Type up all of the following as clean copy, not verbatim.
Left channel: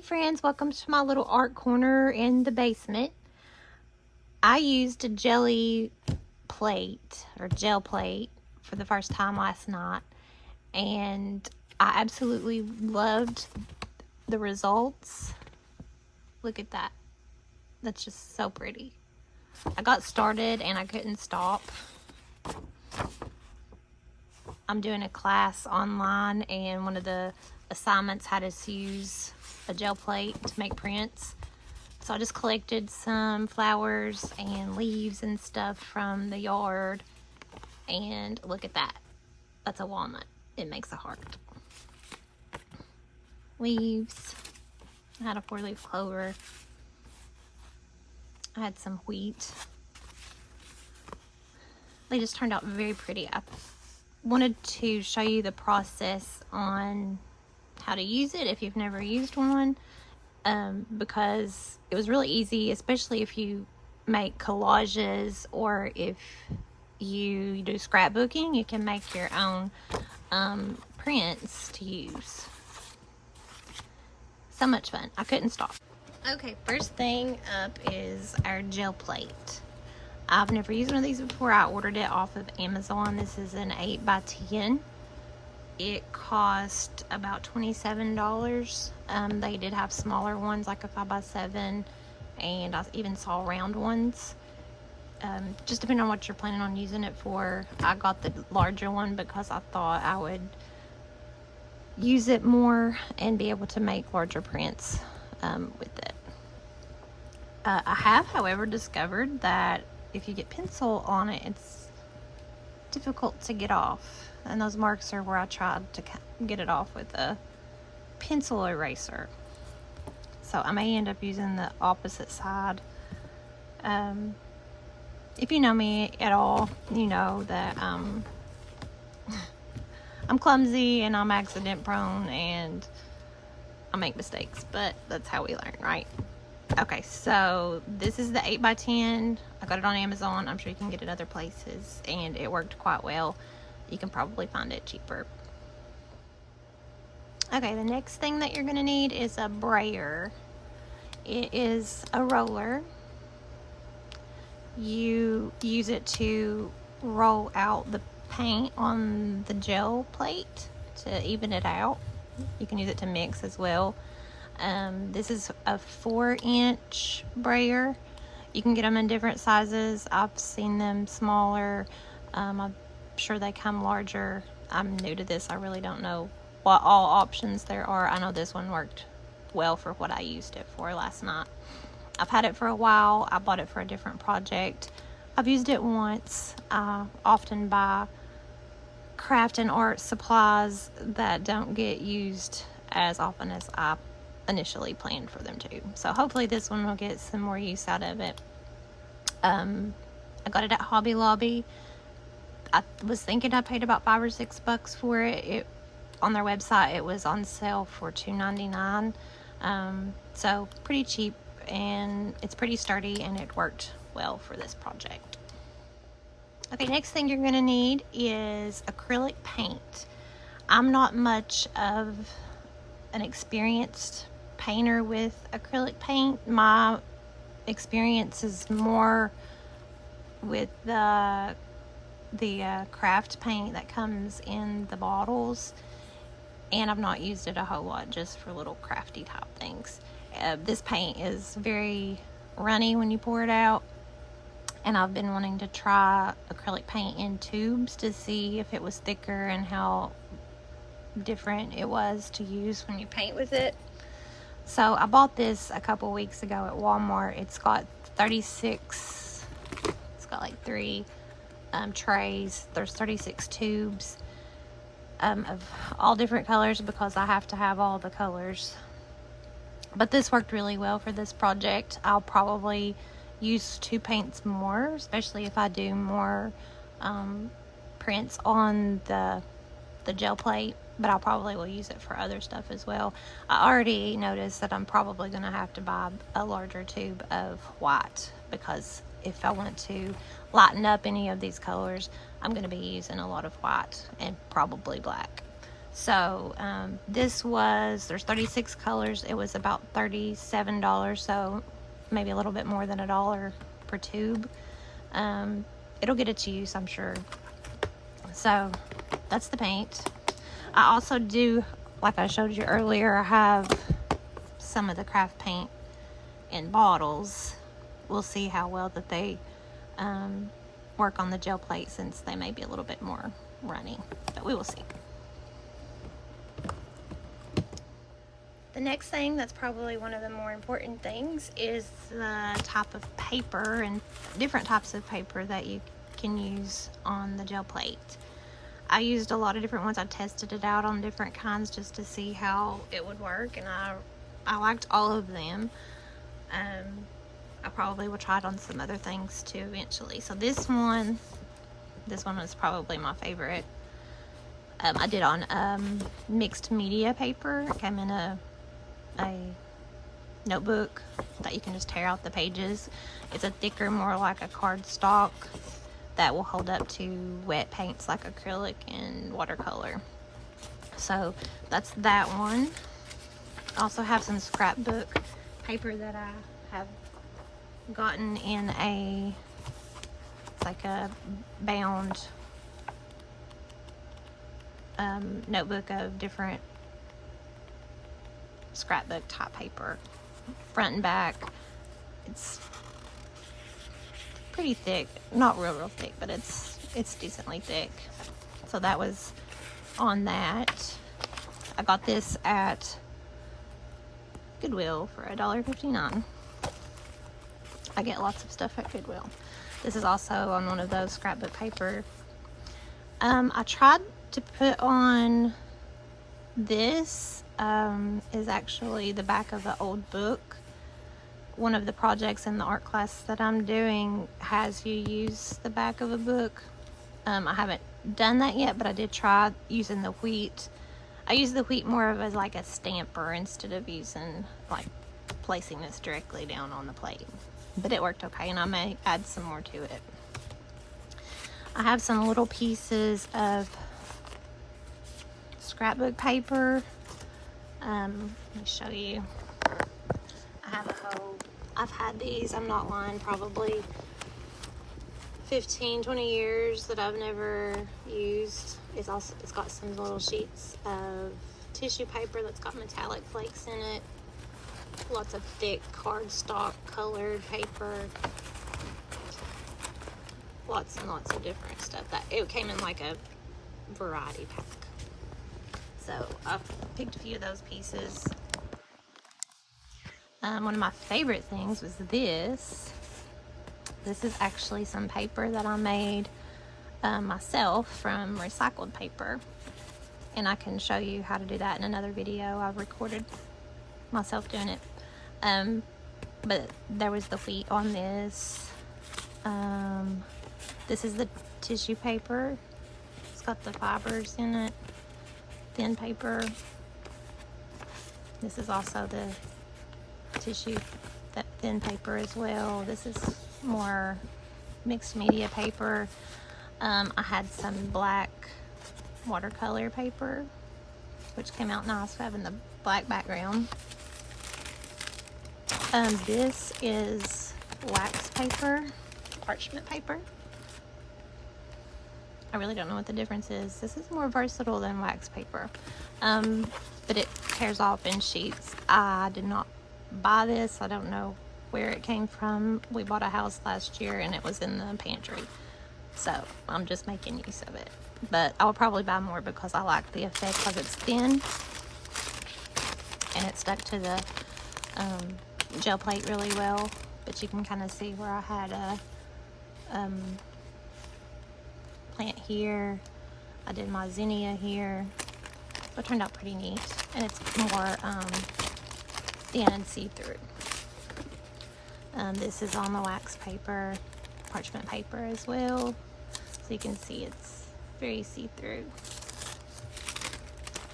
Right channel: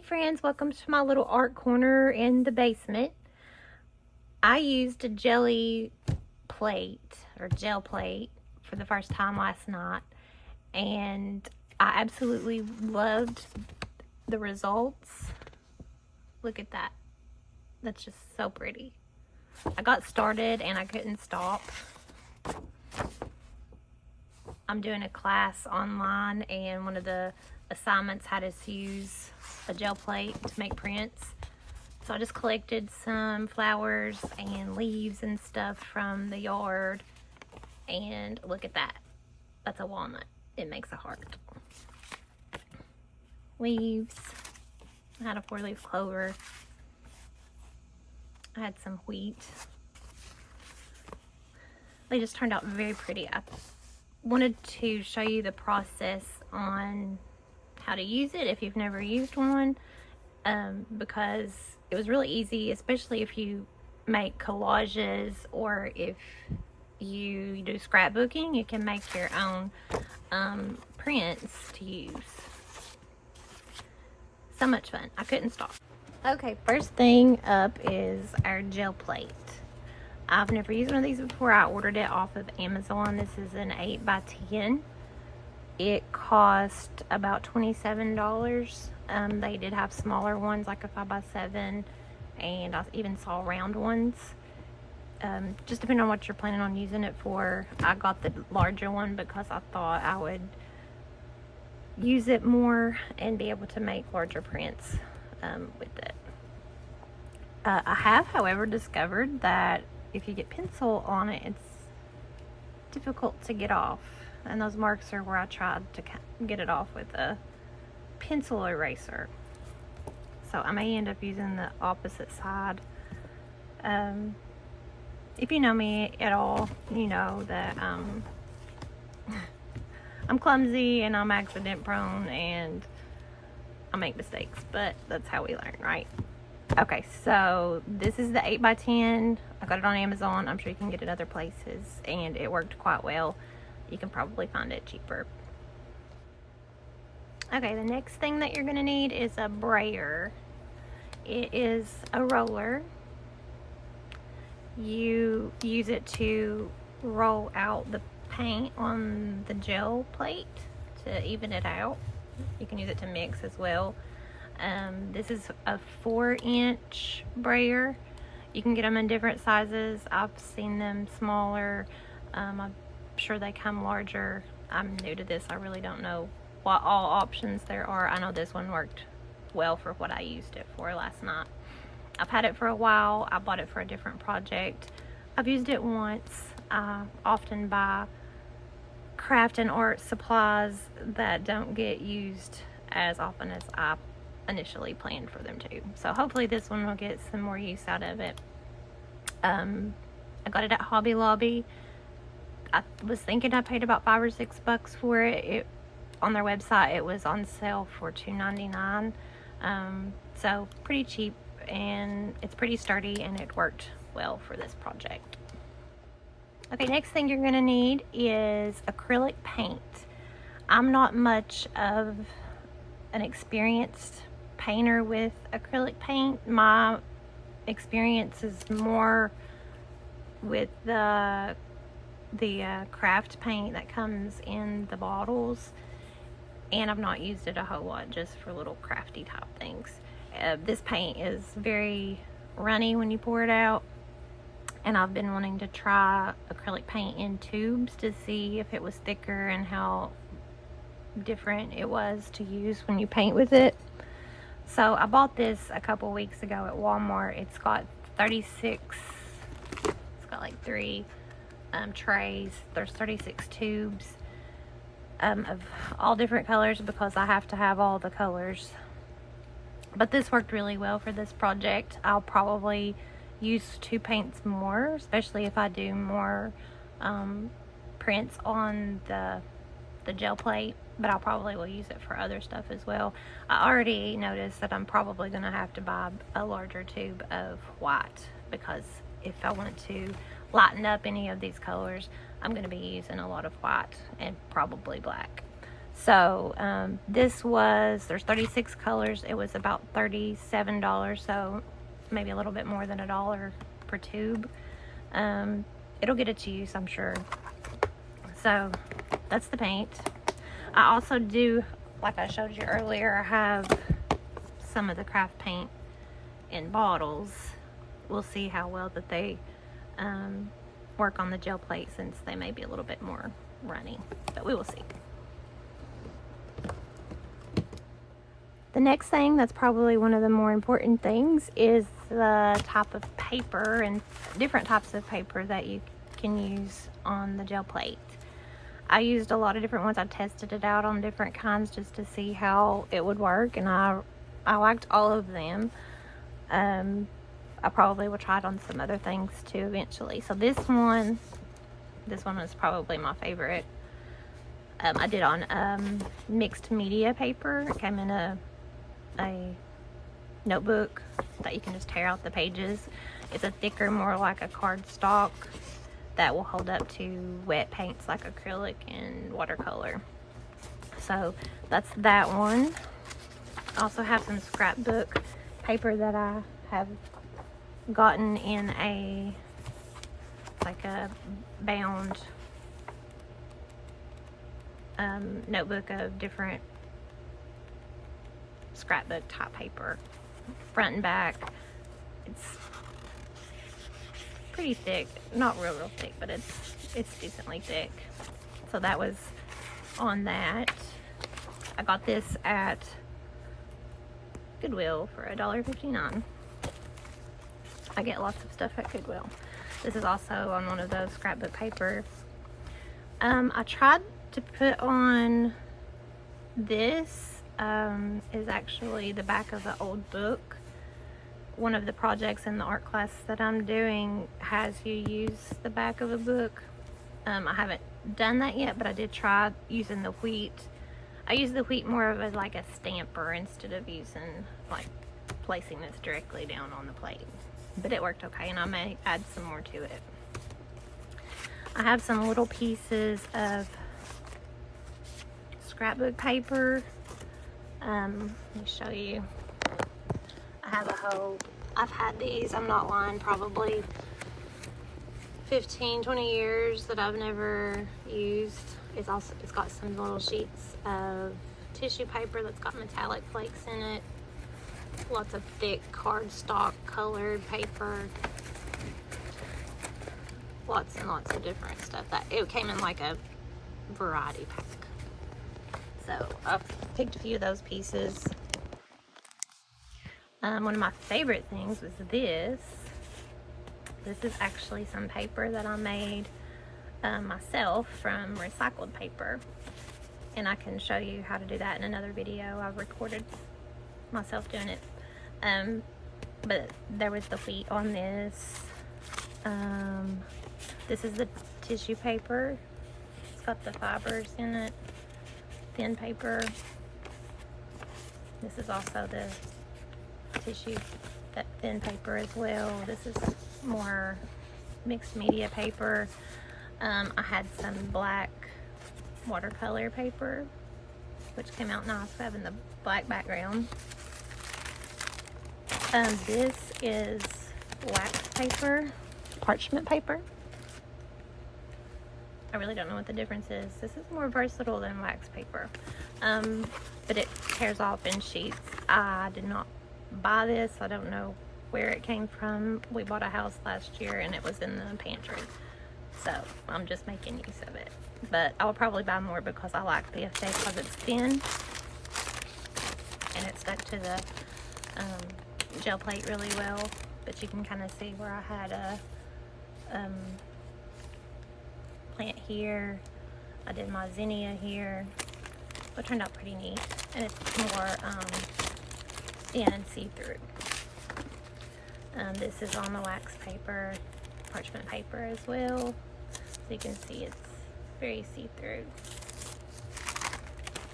Hey friends, welcome to my little art corner in the basement. I used a jelly plate or gel plate for the first time last night, and I absolutely loved the results. Look at that. That's just so pretty. I got started and I couldn't stop. I'm doing a class online, and one of the assignments had us use a gel plate to make prints. So I just collected some flowers and leaves and stuff from the yard, and look at that. That's a walnut. It makes a heart. Leaves. I had a 4-leaf clover. I had some wheat. They just turned out very pretty. I wanted to show you the process on how to use it if you've never used one, because it was really easy, especially if you make collages or if you do scrapbooking. You can make your own prints to use. So much fun. I couldn't stop. Okay, first thing up is our gel plate. I've never used one of these before. I ordered it off of Amazon. This is an 8x10. It cost about $27. They did have smaller ones, like a 5x7, and I even saw round ones. Just depending on what you're planning on using it for. I got the larger one because I thought I would use it more and be able to make larger prints with it. I have, however, discovered that if you get pencil on it, it's difficult to get off. And those marks are where I tried to get it off with a pencil eraser. So I may end up using the opposite side. If you know me at all, you know that I'm clumsy and I'm accident prone and I make mistakes, but that's how we learn, right? Okay, so this is the 8x10. I got it on Amazon. I'm sure you can get it other places, and it worked quite well. You can probably find it cheaper. Okay, the next thing that you're gonna need is a brayer. It is a roller. You use it to roll out the paint on the gel plate to even it out. You can use it to mix as well. This is a 4-inch brayer. You can get them in different sizes. I've seen them smaller. I'm sure they come larger. I'm new to this. I really don't know what all options there are. I know this one worked well for what I used it for last night. I've had it for a while. I bought it for a different project. I've used it once. I often buy craft and art supplies that don't get used as often as I initially planned for them to. So hopefully this one will get some more use out of it. I got it at Hobby Lobby. I was thinking I paid about $5 or $6 for it. On their website it was on sale for $2.99. So pretty cheap, and it's pretty sturdy, and it worked well for this project. Okay, next thing you're gonna need is acrylic paint. I'm not much of an experienced painter with acrylic paint. My experience is more with the craft paint that comes in the bottles, and I've not used it a whole lot, just for little crafty type things. This paint is very runny when you pour it out, and I've been wanting to try acrylic paint in tubes to see if it was thicker and how different it was to use when you paint with it. So I bought this a couple weeks ago at Walmart. It's got 36, it's got like 3 trays. There's 36 tubes of all different colors, because I have to have all the colors. But this worked really well for this project. I'll probably use 2 paints more, especially if I do more prints on the gel plate, but I probably will use it for other stuff as well. I already noticed that I'm probably going to have to buy a larger tube of white, because if I want to lighten up any of these colors, I'm going to be using a lot of white and probably black. So this was, there's 36 colors. It was about $37, so maybe a little bit more than $1 per tube. It'll get its use, I'm sure. So that's the paint. I also do, like I showed you earlier, I have some of the craft paint in bottles. We'll see how well that they work on the gel plate, since they may be a little bit more runny, but we will see. The next thing that's probably one of the more important things is the type of paper and different types of paper that you can use on the gel plate. I used a lot of different ones. I tested it out on different kinds just to see how it would work, and I liked all of them. I probably will try it on some other things too eventually. So this one was probably my favorite. I did on mixed media paper. It came in a notebook that you can just tear out the pages. It's a thicker, more like a cardstock that will hold up to wet paints like acrylic and watercolor. So that's that one. I also have some scrapbook paper that I have gotten in like a bound notebook of different scrapbook type paper, front and back. It's pretty thick, not real thick, but it's decently thick. So that was on that. I got this at Goodwill for $1.59. I get lots of stuff at Goodwill. This is also on one of those scrapbook paper. I tried to put on this. Is actually the back of an old book. One of the projects in the art class that I'm doing has you use the back of a book. I haven't done that yet, but I did try using the wheat. I use the wheat more of as like a stamper instead of using, like, placing this directly down on the plate. But it worked okay, and I may add some more to it. I have some little pieces of scrapbook paper. Let me show you. I have I've had these, I'm not lying, probably 15-20 years that I've never used. It's got some little sheets of tissue paper that's got metallic flakes in it. Lots of thick cardstock colored paper. Lots and lots of different stuff. It came in like a variety pack. So I've picked a few of those pieces. One of my favorite things was this. This is actually some paper that I made myself from recycled paper. And I can show you how to do that in another video. I've recorded myself doing it. But there was the wheat on this. This is the tissue paper. It's got the fibers in it. Thin paper. This is also the tissue, that thin paper as well. This is more mixed media paper. I had some black watercolor paper, which came out nice for having the black background. This is wax paper, parchment paper. I really don't know what the difference is. This is more versatile than wax paper, but it tears off in sheets. I did not buy this. I don't know where it came from. We bought a house last year and it was in the pantry, so I'm just making use of it. But I'll probably buy more because I like the effect because it's thin and it stuck to the gel plate really well. But you can kind of see where I had a plant here. I did my zinnia here. It turned out pretty neat, and it's more thin see-through. This is on the wax paper, parchment paper as well, so you can see it's very see-through.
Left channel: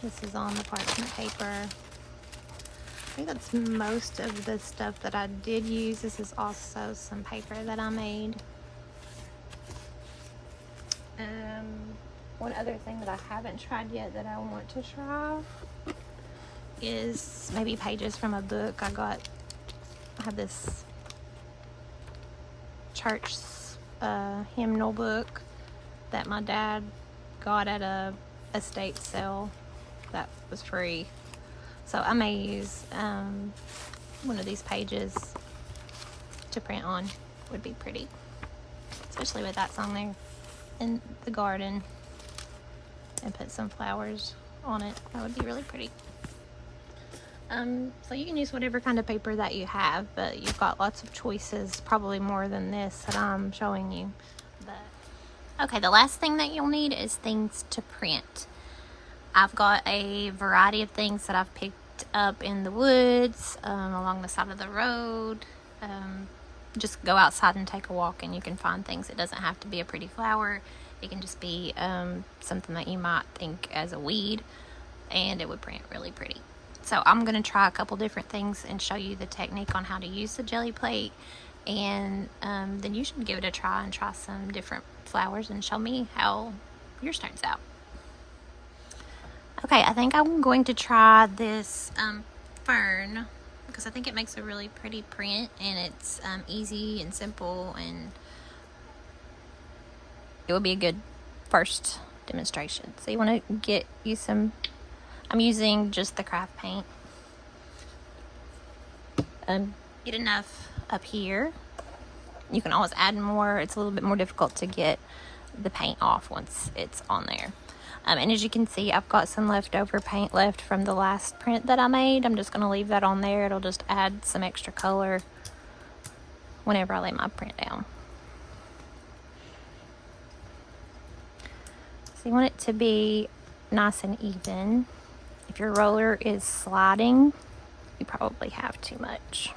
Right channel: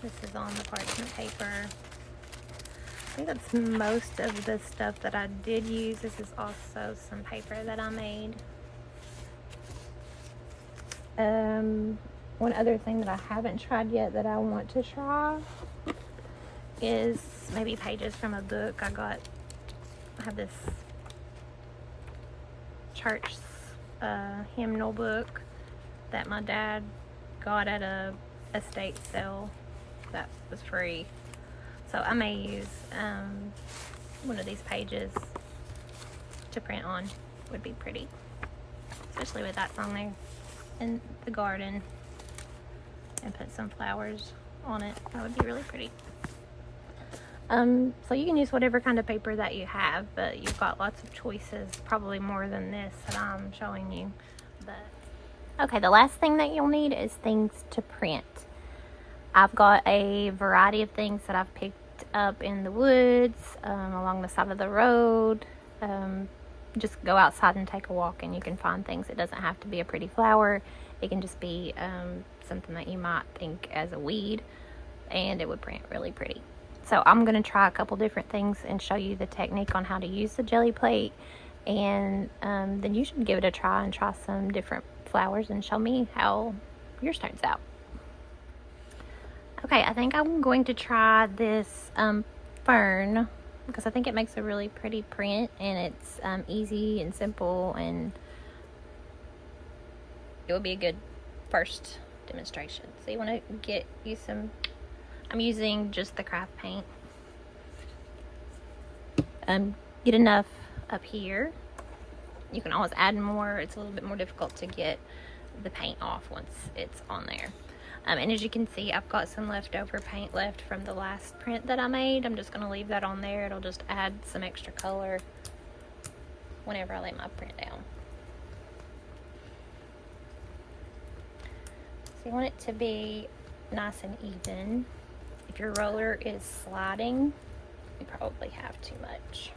This is on the parchment paper. I think that's most of the stuff that I did use. This is also some paper that I made. One other thing that I haven't tried yet that I want to try is maybe pages from a book. I have this church hymnal book that my dad got at a estate sale that was free. So I may use one of these pages to print on. Would be pretty, especially with that song there in the garden, and put some flowers on it. That would be really pretty. So you can use whatever kind of paper that you have, but you've got lots of choices, probably more than this that I'm showing you. But okay, the last thing that you'll need is things to print. I've got a variety of things that I've picked up in the woods, along the side of the road. Just go outside and take a walk and you can find things. It doesn't have to be a pretty flower. It can just be something that you might think as a weed, and it would print really pretty. So I'm going to try a couple different things and show you the technique on how to use the jelly plate, and then you should give it a try and try some different flowers and show me how yours turns out. Okay, I think I'm going to try this Fern, because I think it makes a really pretty print, and it's easy and simple, and it will be a good first demonstration. So you want to get you some, I'm using just the craft paint. Get enough up here. You can always add more. It's a little bit more difficult to get the paint off once it's on there. And as you can see, I've got some leftover paint left from the last print that I made. I'm just going to leave that on there. It'll just add some extra color whenever I lay my print down. So you want it to be nice and even. If your roller is sliding, you probably have too much.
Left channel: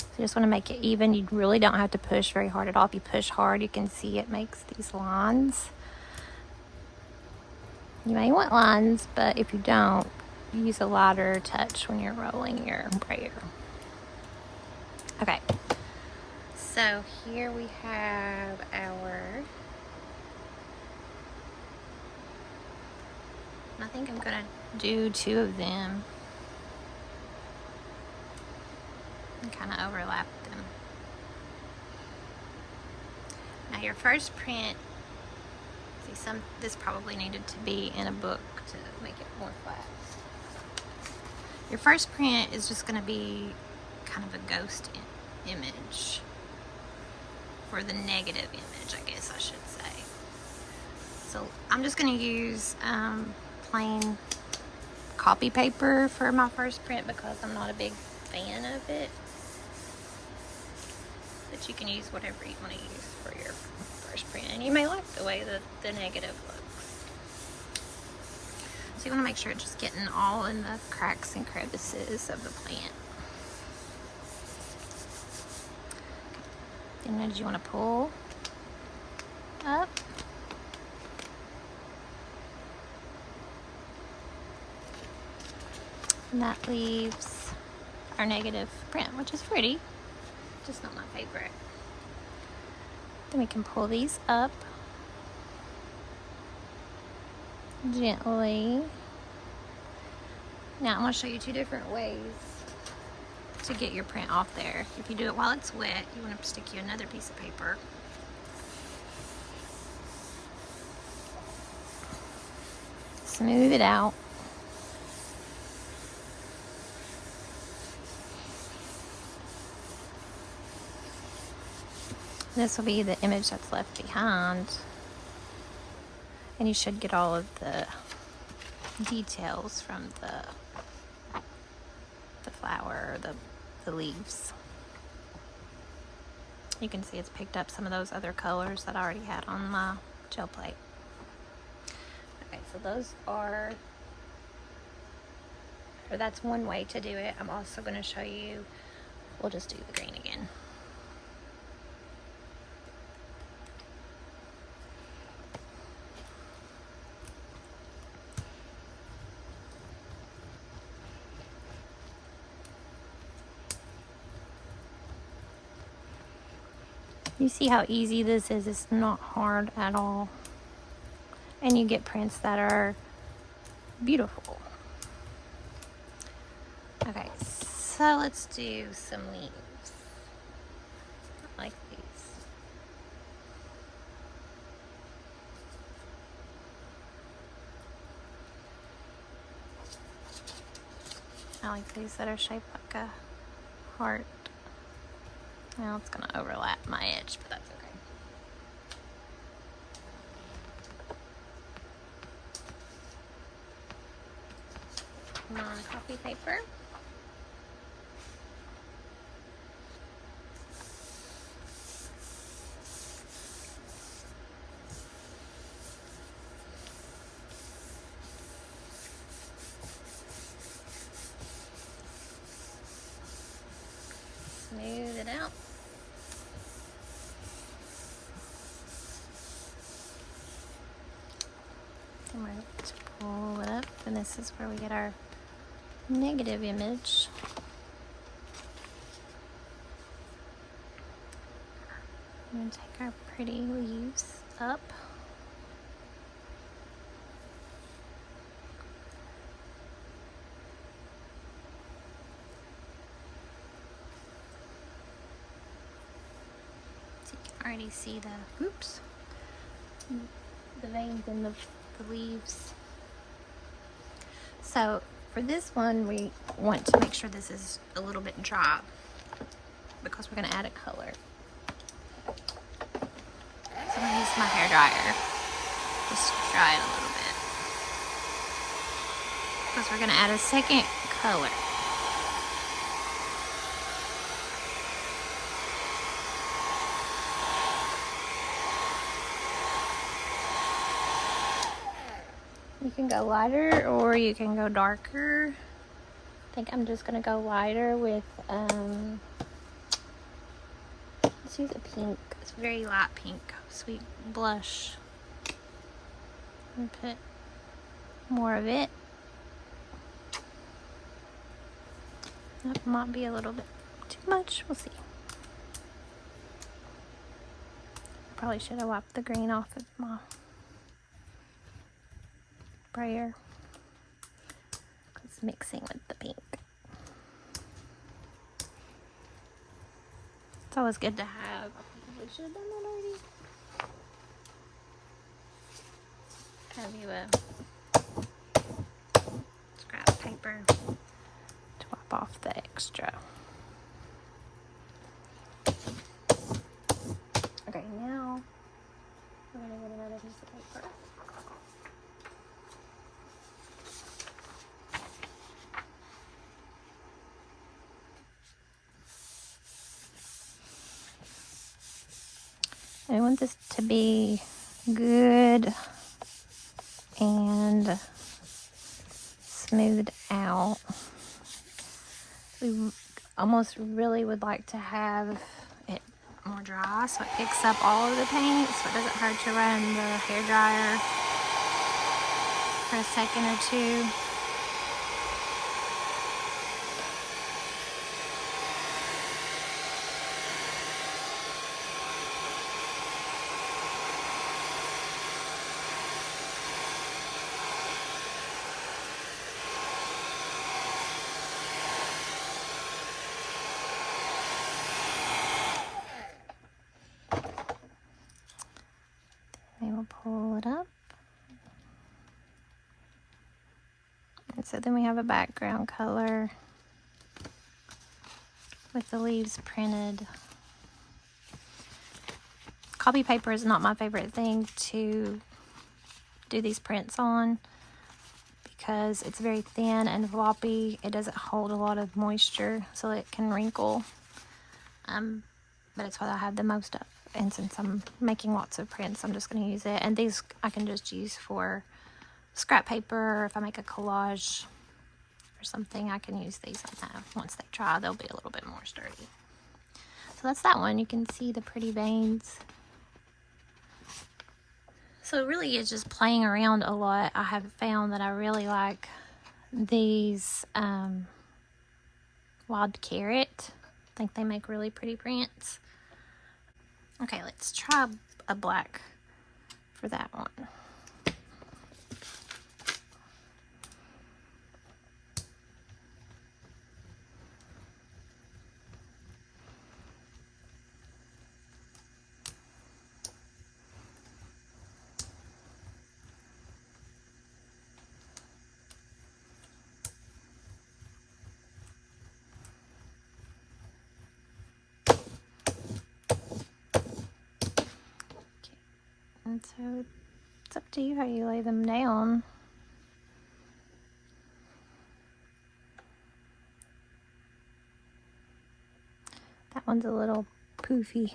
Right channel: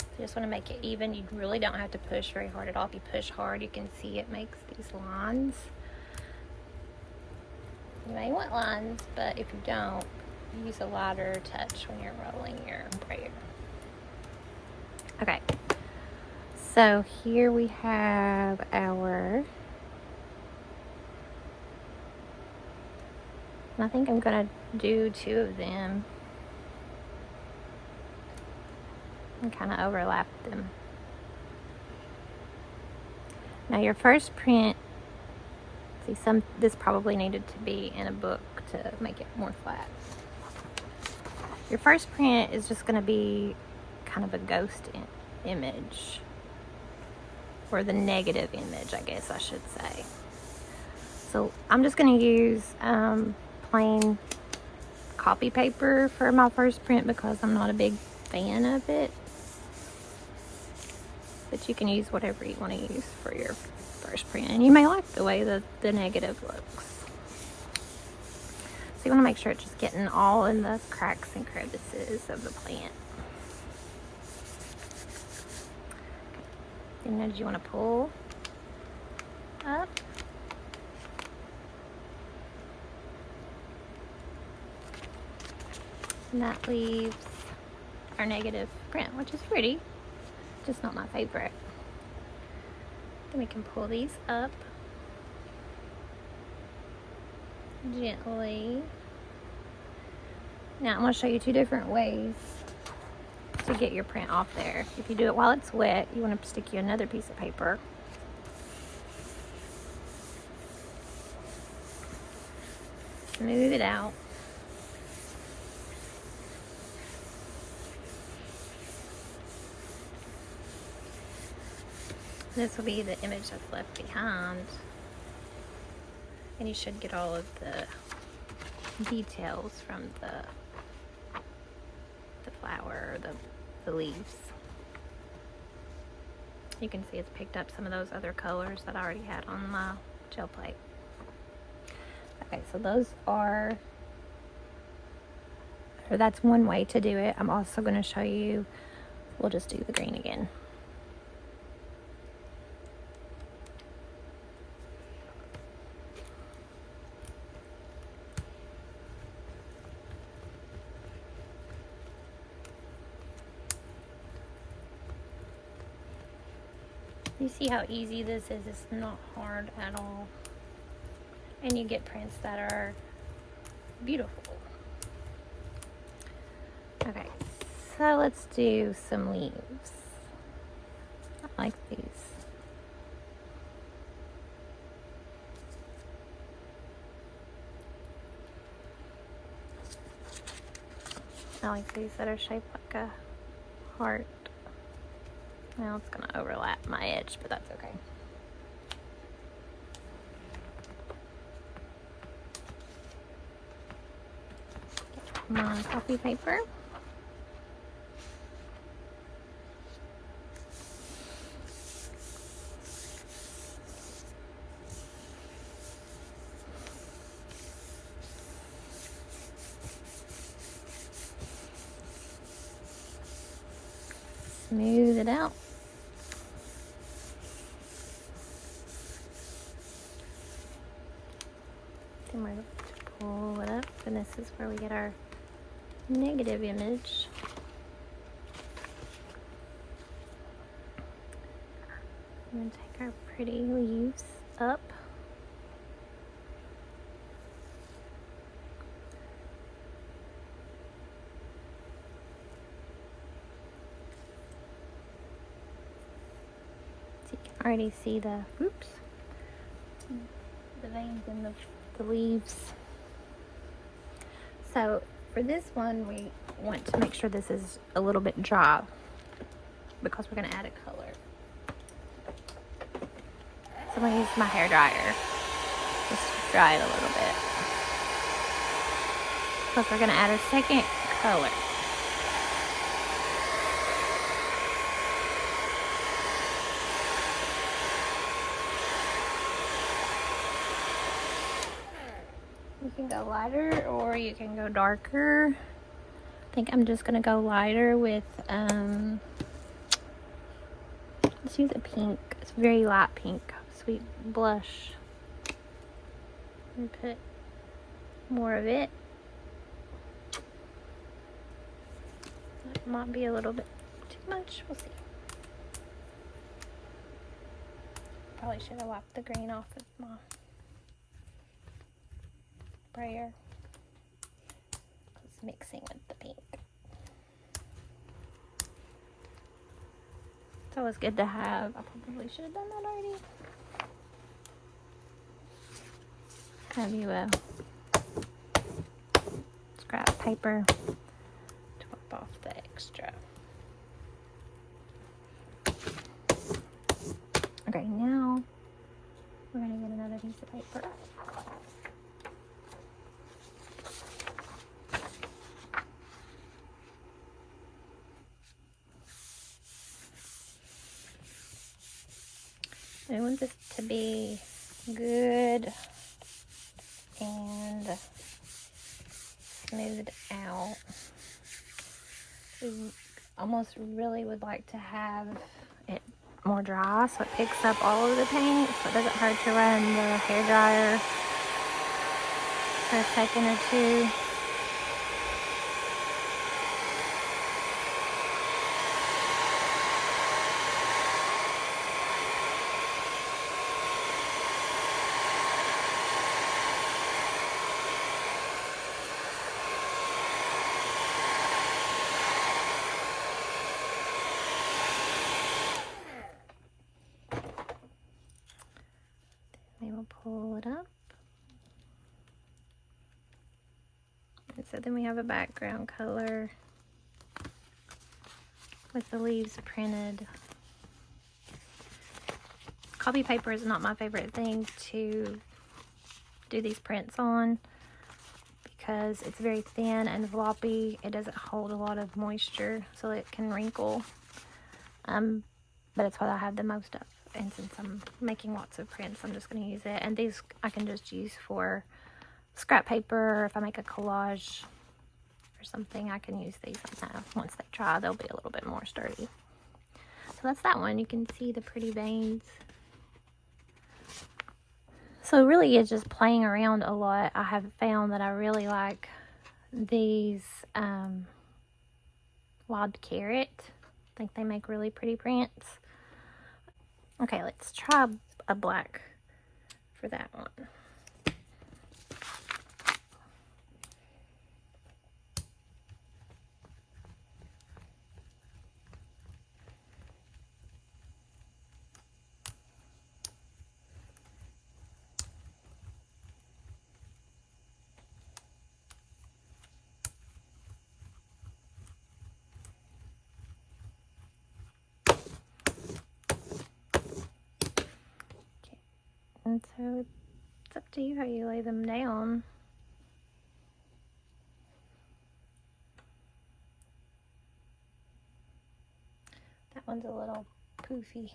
So you just want to make it even. You really don't have to push very hard at all. If you push hard, you can see it makes these lines. You may want lines, but if you don't, use a lighter touch when you're rolling your brayer. Okay, so here we have our, I think I'm gonna do 2 of them and kind of overlap them. Now your first print, this probably needed to be in a book to make it more flat. Your first print is just going to be kind of a ghost image, or the negative image, I guess I should say. So I'm just going to use plain copy paper for my first print because I'm not a big fan of it. But you can use whatever you want to use for your first print, and you may like the way that the negative looks. So you want to make sure it's just getting all in the cracks and crevices of the plant. Okay. And then you want to pull up. And that leaves our negative print, which is pretty, just not my favorite. Then we can pull these up gently. Now I'm going to show you 2 different ways to get your print off there. If you do it while it's wet, you want to stick you another piece of paper. Smooth it out. This will be the image that's left behind, and you should get all of the details from the flower, the leaves. You can see it's picked up some of those other colors that I already had on my gel plate. Okay, so those are, or that's one way to do it. I'm also going to show you, we'll just do the green again. You see how easy this is? It's not hard at all. and you get prints that are beautiful. Okay, so let's do some leaves. I like these. I like these that are shaped like a heart. Now it's gonna overlap my edge, but that's okay. My copy paper. Smooth it out. Then we're going to pull it up, and this is where we get our negative image. I'm going to take our pretty leaves up. So you can already see the veins in the leaves. So for this one, we want to make sure this is a little bit dry because we're going to add a color. So I'm going to use my hair dryer, just dry it a little bit, because we're going to add a second color. You can go lighter or you can go darker. I think I'm just going to go lighter with, let's use a pink. It's very light pink, sweet blush. And put more of it. That might be a little bit too much. We'll see. Probably should have wiped the green off of my Brayer. It's mixing with the pink. It's always good to have. I probably should have done that already. Have you scrap paper to wipe off the extra. Okay, now we're going to get another piece of paper. I want this to be good and smoothed out. We almost really would like to have it more dry so it picks up all of the paint, so it doesn't hurt to run the hair dryer for a second or two. And we'll pull it up. And so then we have a background color with the leaves printed. Copy paper is not my favorite thing to do these prints on because it's very thin and floppy. It doesn't hold a lot of moisture, so it can wrinkle. But it's what I have the most of. And since I'm making lots of prints, I'm just going to use it. And these I can just use for scrap paper. If I make a collage or something, I can use these sometimes. Once they dry, they'll be a little bit more sturdy. So that's that one. You can see the pretty veins. So really it's just playing around a lot. I have found that I really like these wild carrot. I think they make really pretty prints. Okay, let's try a black for that one. And so it's up to you how you lay them down. That one's a little poofy.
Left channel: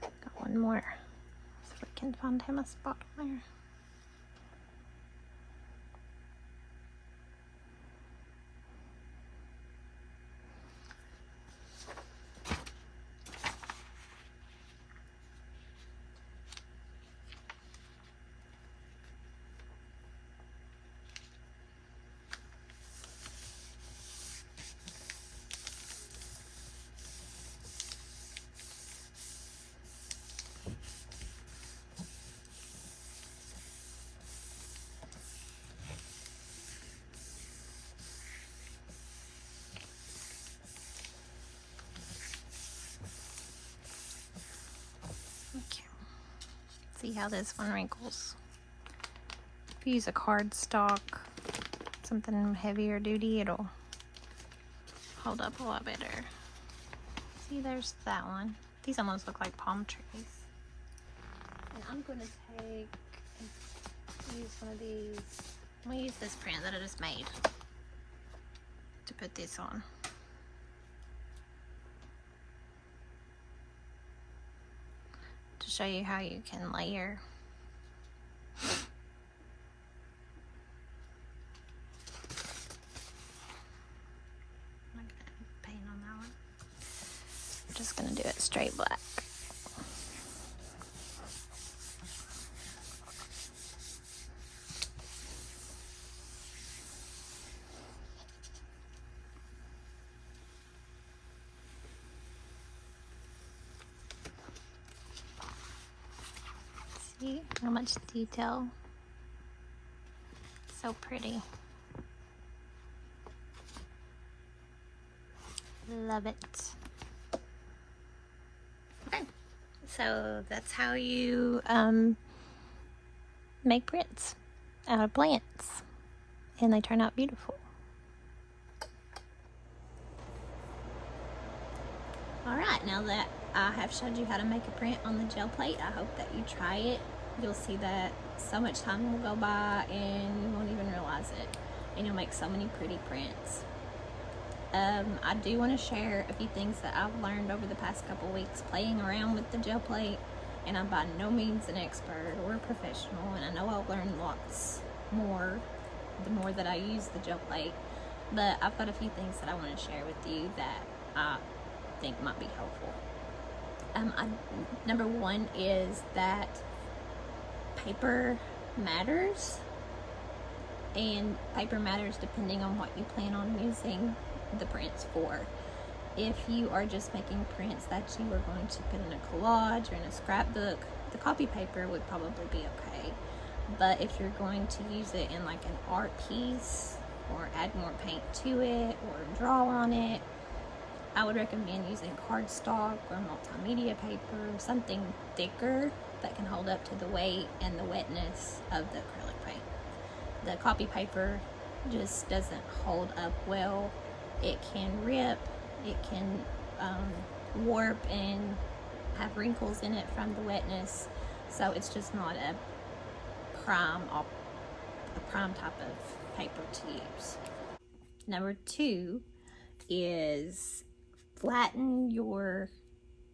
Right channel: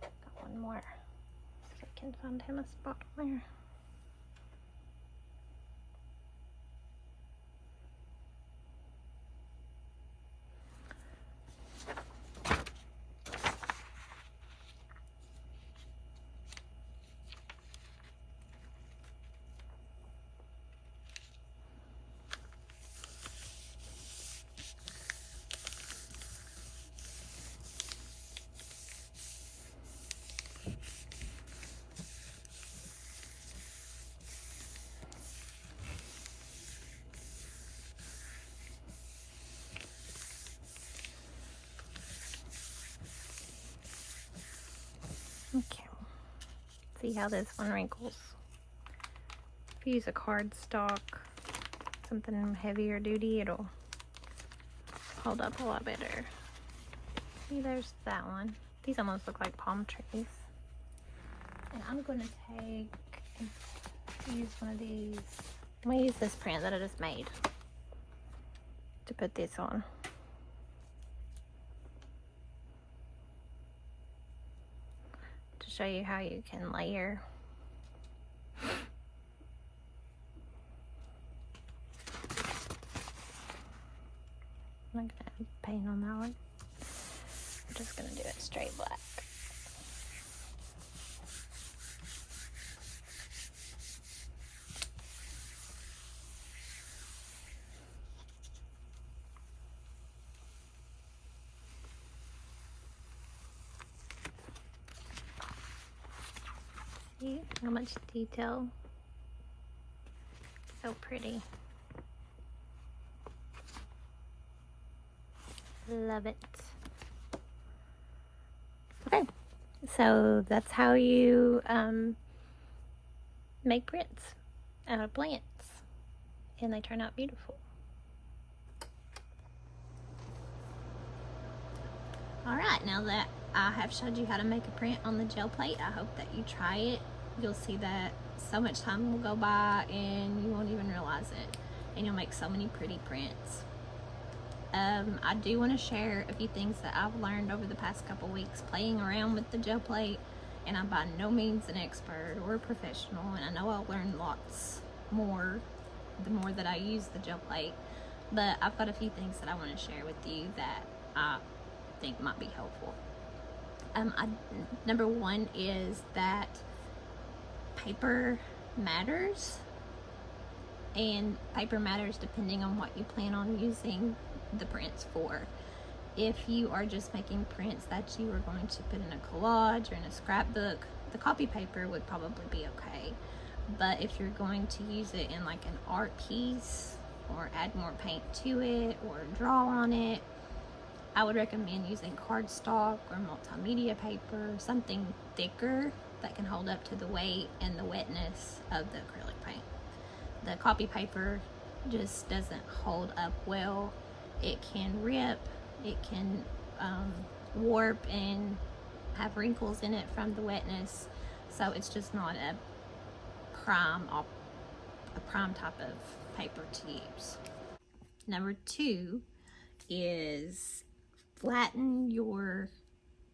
Got one more, so we can find him a spot on there. Okay, see how this one wrinkles. If you use a cardstock, something heavier duty, it'll hold up a lot better. See, there's that one. These almost look like palm trees. And I'm going to use one of these. I'm going to use this print that I just made to put this on. To show you how you can layer. I'm not gonna paint on that one. I'm just gonna do it straight black. See how much detail? So pretty. Love it. Okay, so that's how you make prints out of plants, and they turn out beautiful. Alright, now that I have showed you how to make a print on the gel plate, I hope that you try it. You'll see that so much time will go by and you won't even realize it, and you'll make so many pretty prints. I do want to share a few things that I've learned over the past couple weeks playing around with the gel plate, and I'm by no means an expert or a professional, and I know I'll learn lots more the more that I use the gel plate, but I've got a few things that I want to share with you that I think might be helpful. Number one is that paper matters, and paper matters depending on what you plan on using the prints for. If you are just making prints that you are going to put in a collage or in a scrapbook, the copy paper would probably be okay. But if you're going to use it in like an art piece or add more paint to it or draw on it, I would recommend using cardstock or multimedia paper, something thicker that can hold up to the weight and the wetness of the acrylic paint. The copy paper just doesn't hold up well. It can rip, it can warp and have wrinkles in it from the wetness, so it's just not a prime type of paper to use. Number two is flatten your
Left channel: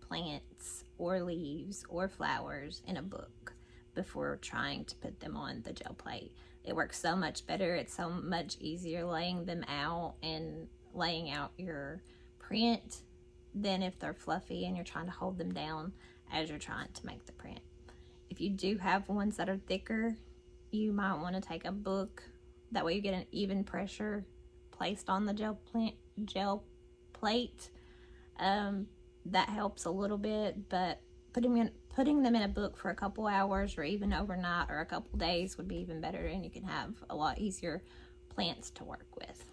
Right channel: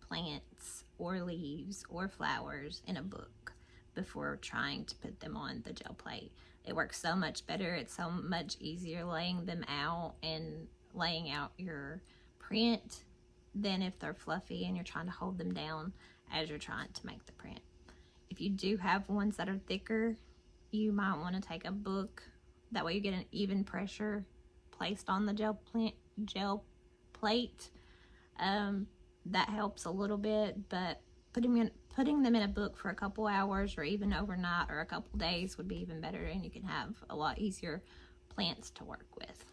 plants or leaves or flowers in a book before trying to put them on the gel plate. It works so much better. It's so much easier laying them out and laying out your print than if they're fluffy and you're trying to hold them down as you're trying to make the print. If you do have ones that are thicker, you might want to take a book. That way you get an even pressure placed on the gel plate. That helps a little bit, but putting them in a book for a couple hours or even overnight or a couple days would be even better, and you can have a lot easier plants to work with.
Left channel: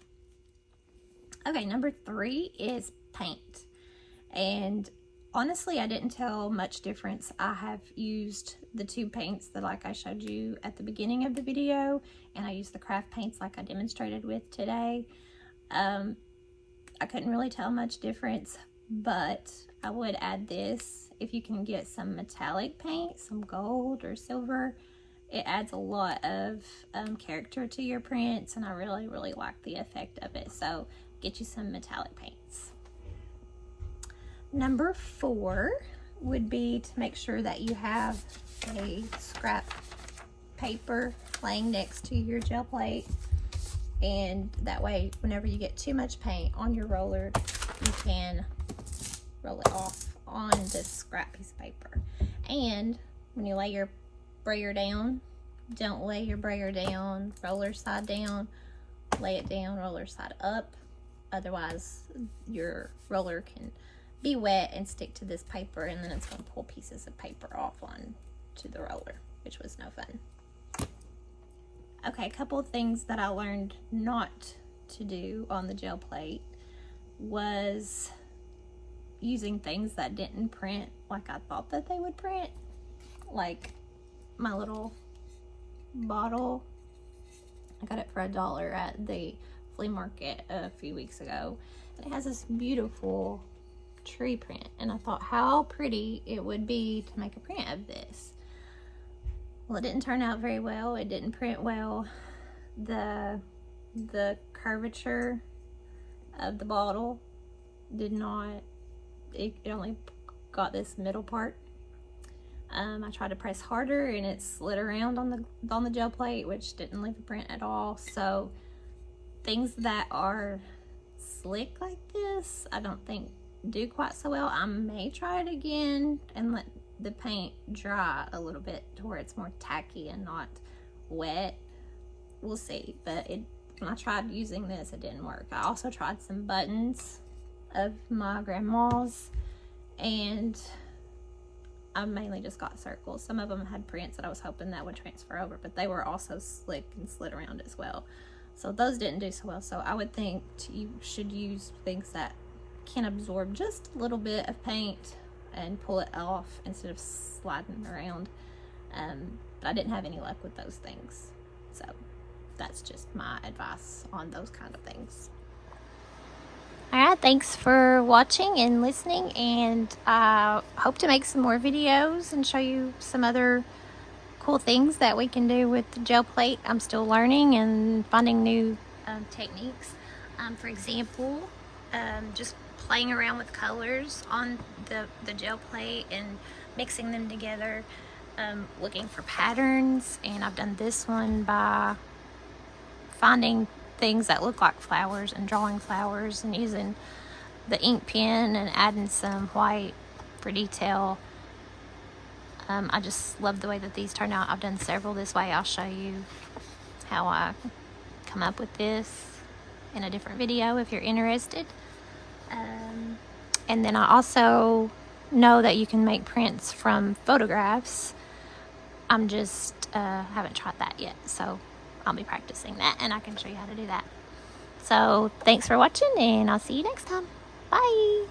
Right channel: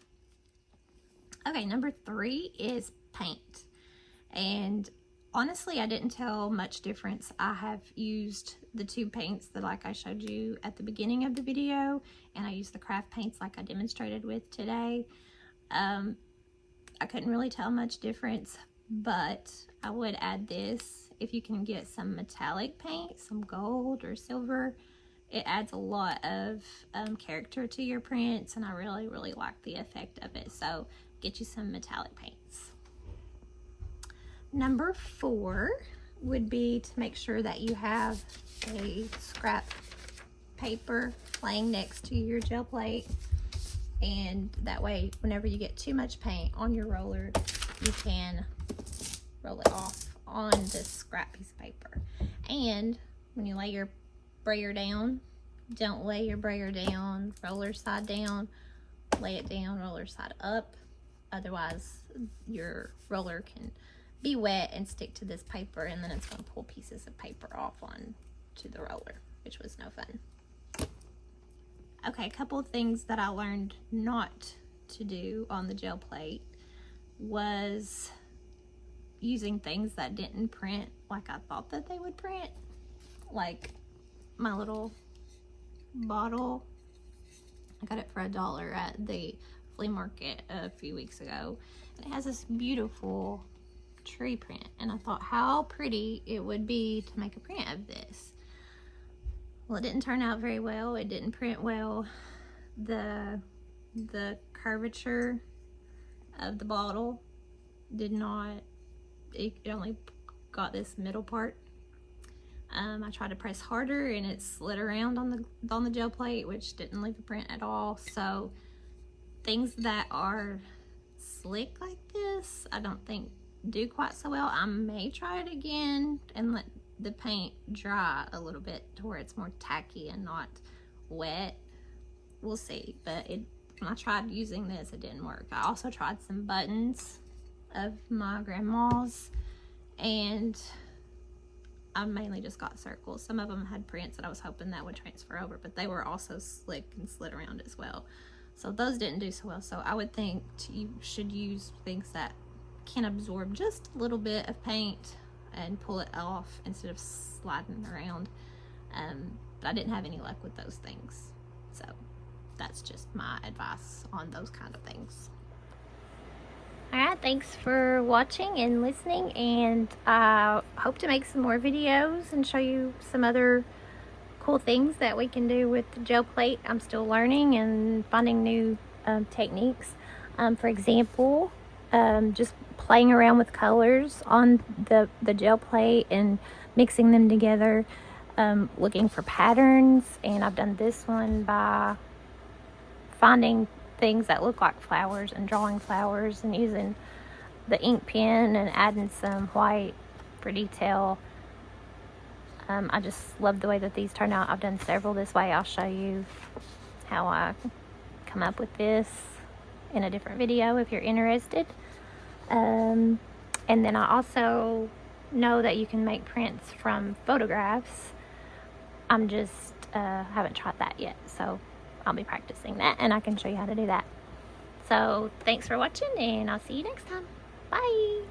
Okay, number three is paint. And honestly, I didn't tell much difference. I have used the two paints that like I showed you at the beginning of the video, and I used the craft paints like I demonstrated with today. I couldn't really tell much difference, but I would add this. If you can get some metallic paint, some gold or silver, it adds a lot of character to your prints, and I really, really like the effect of it. So get you some metallic paints. Number 4 would be to make sure that you have a scrap paper laying next to your gel plate, and that way whenever you get too much paint on your roller, you can roll it off on this scrap piece of paper. And when you lay your brayer down, don't lay your brayer down roller side down, lay it down roller side up, otherwise your roller can be wet and stick to this paper, and then it's going to pull pieces of paper off on to the roller, which was no fun. Okay, a couple of things that I learned not to do on the gel plate was using things that didn't print like I thought that they would print. Like my little bottle, I got it for $1 at the flea market a few weeks ago, and it has this beautiful tree print, and I thought how pretty it would be to make a print of this. Well, it didn't turn out very well. It didn't print well. The curvature of the bottle did not, it only got this middle part. I tried to press harder and it slid around on the gel plate, which didn't leave a print at all. So things that are slick like this, I don't think do quite so well. I may try it again and let the paint dry a little bit to where it's more tacky and not wet. We'll see. But when I tried using this, it didn't work. I also tried some buttons of my grandma's, and I mainly just got circles. Some of them had prints that I was hoping that would transfer over, but they were also slick and slid around as well. So those didn't do so well. So I would think you should use things that can absorb just a little bit of paint and pull it off instead of sliding around. But I didn't have any luck with those things. So that's just my advice on those kind of things. Alright, thanks for watching and listening, and I hope to make some more videos and show you some other cool things that we can do with the gel plate. I'm still learning and finding new techniques. For example, just playing around with colors on the gel plate and mixing them together, looking for patterns. And I've done this one by finding things that look like flowers and drawing flowers and using the ink pen and adding some white for detail. I just love the way that these turn out. I've done several this way. I'll show you how I come up with this in a different video if you're interested. And then I also know that you can make prints from photographs. I'm just haven't tried that yet, so I'll be practicing that, and I can show you how to do that. So thanks for watching, and I'll see you next time. Bye.